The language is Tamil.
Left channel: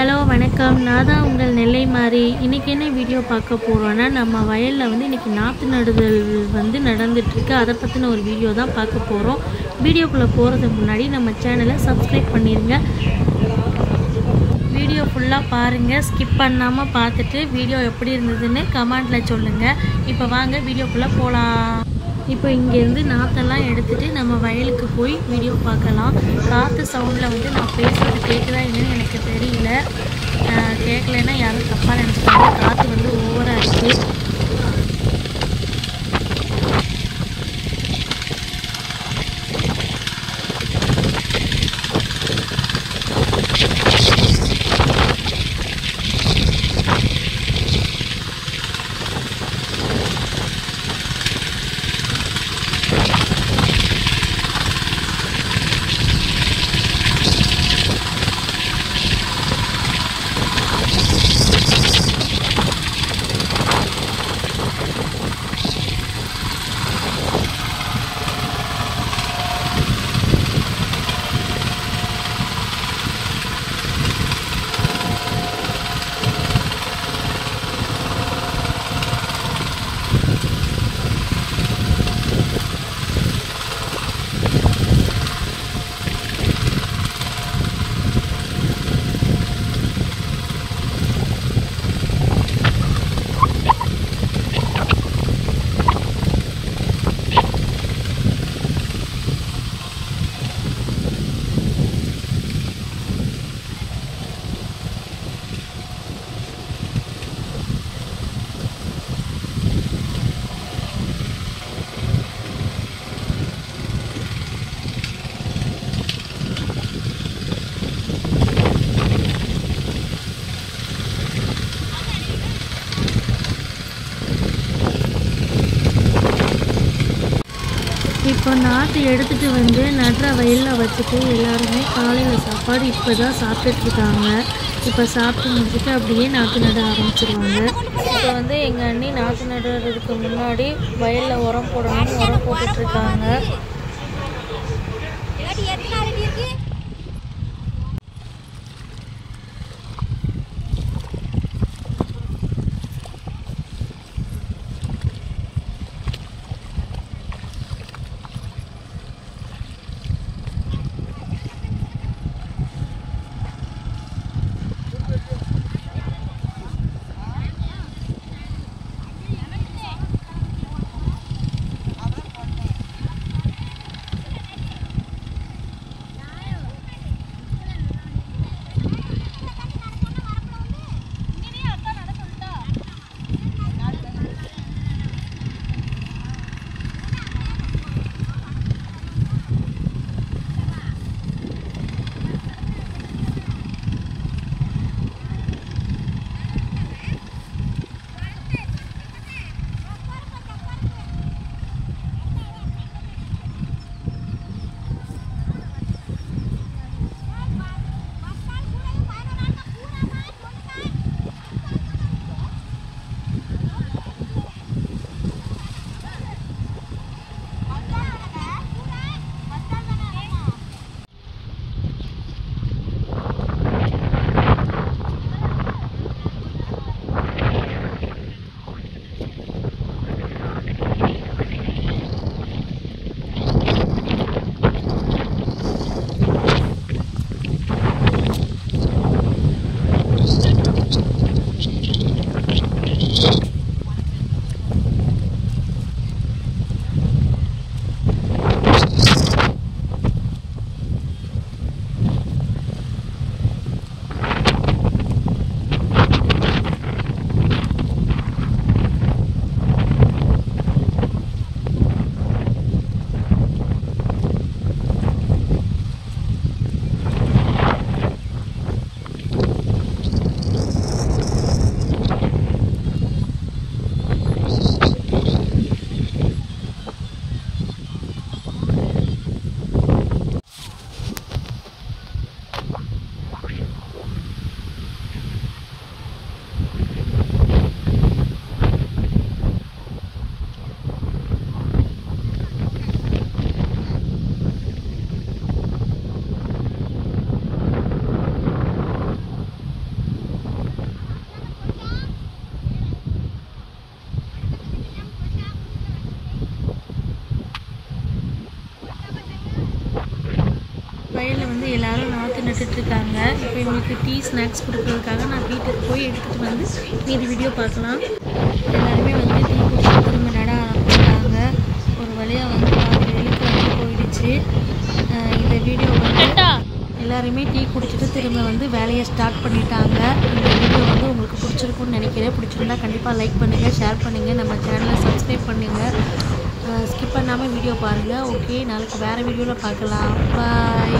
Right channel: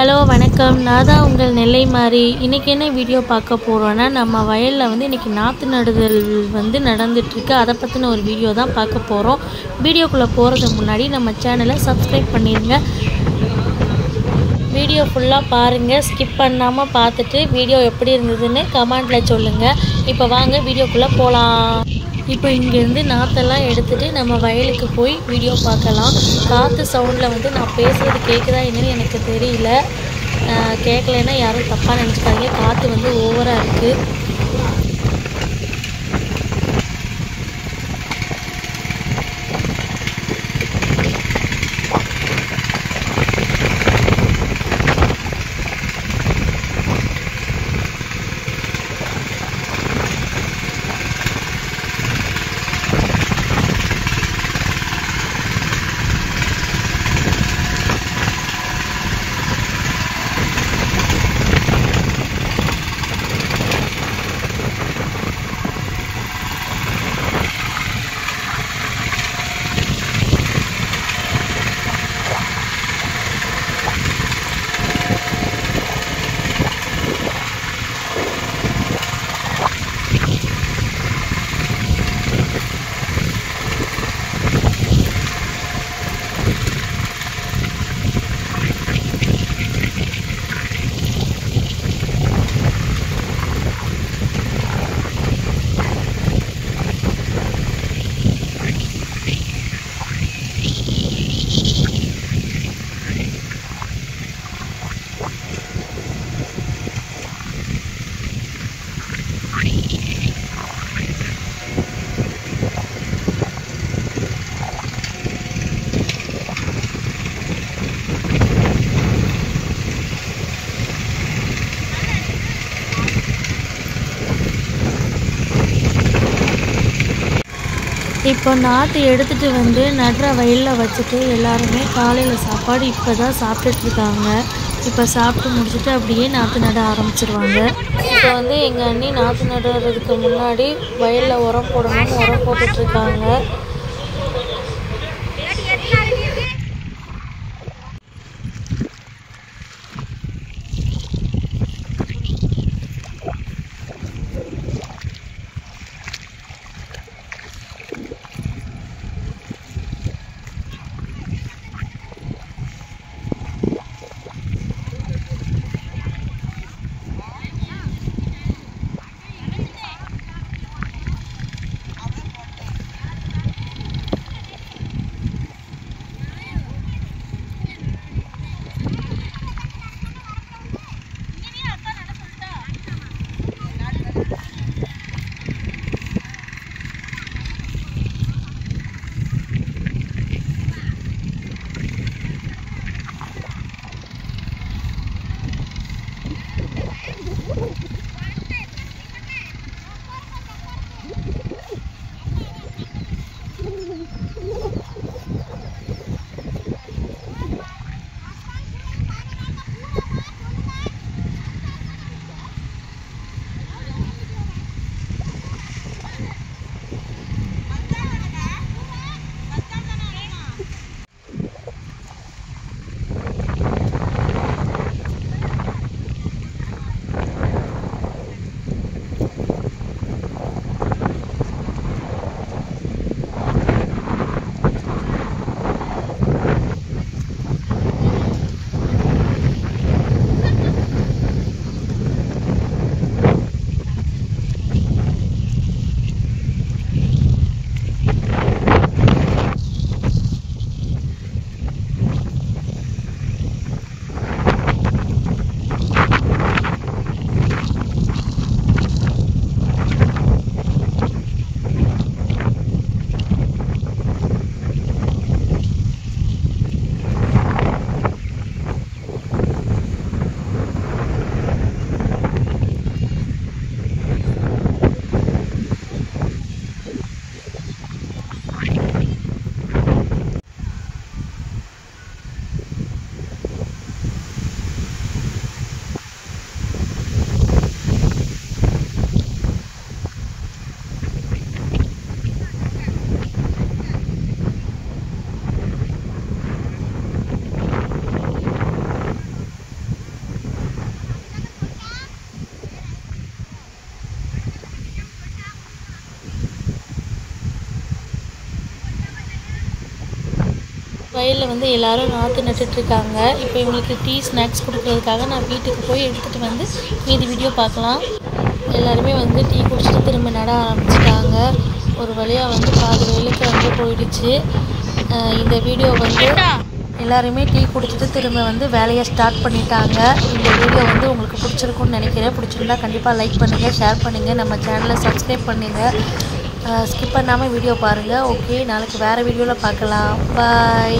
ஹலோ வணக்கம். நான் தான் உங்கள் நெல்லை மாறி. இன்றைக்கி என்ன வீடியோ பார்க்க போகிறோன்னா, நம்ம வயலில் வந்து இன்றைக்கி நாற்று நடுதல் நடந்துகிட்ருக்கு. அதை பற்றின ஒரு வீடியோ தான் பார்க்க போகிறோம். வீடியோக்குள்ளே போகிறதுக்கு முன்னாடி நம்ம சேனலை சப்ஸ்கிரைப் பண்ணிடுங்க. வீடியோ ஃபுல்லாக பாருங்கள், ஸ்கிப் பண்ணாமல் பார்த்துட்டு வீடியோ எப்படி இருந்ததுன்னு கமெண்டில் சொல்லுங்கள். இப்போ வாங்க வீடியோக்குள்ளே போகலாம். இப்போ இங்கேருந்து நாற்றெல்லாம் எடுத்துகிட்டு நம்ம வயலுக்கு போய் வீடியோ பார்க்கலாம். காற்று சவுண்டில் வந்து நான் பேசுகிறது கேட்குதா என்னன்னு எனக்கு தெரியல. கேட்கலன்னா யாரும் தப்பாக நினச்சிப்பாங்க. காற்று வந்து ஓவராக இருக்குது. இப்போ நாற்று எடுத்துகிட்டு வந்து நடுற வயலில் வச்சுட்டு எல்லாருமே காலையில் சாப்பாடு இப்போ தான் சாப்பிட்டுட்ருக்காங்க. இப்போ சாப்பிட்டு முடிச்சுட்டு அப்படியே நாற்று நட ஆரம்பிச்சிருவாங்க. இப்போ வந்து எங்கள் அண்ணி நாற்று நடுறதுக்கு முன்னாடி வயலில் உரம் போடணும்னு உரம் போட்டுட்ருக்காங்க. வயலில் வந்து எல்லோரும் நாற்று நட்டுட்ருக்காங்க. இப்போ இவங்களுக்கு டீ ஸ்நாக்ஸ் கொடுக்குறதுக்காக நான் வீட்டுக்கு போய் எடுத்துகிட்டு வந்து மீதி வீடியோ பார்க்கலாம். எல்லாருமே வந்து டீ குடிச்சிட்டு திரும்ப நட ஆரம்பிச்சிட்டாங்க. ஒரு வழியாக வந்து பாதி வேலைக்கு வந்து போயிடுச்சு. இந்த வீடியோ வந்து எல்லாருமே டீ குடிச்சிட்டு திரும்ப வந்து வேலையை ஸ்டார்ட் பண்ணிட்டாங்க. இந்த வீடியோ வந்து உங்களுக்கு பிடிச்சிருக்குன்னு நினைக்கிறேன். பிடிச்சிருந்தா கண்டிப்பாக லைக் பண்ணுங்கள், ஷேர் பண்ணுங்கள், நம்ம சேனலை சப்ஸ்கிரைப் பண்ணுங்கள். ஸ்கிப் பண்ணாமல் வீடியோ பாருங்கள். ஓகே, நாளைக்கு வேறு வீடியோவில் பார்க்கலாம். பாய்.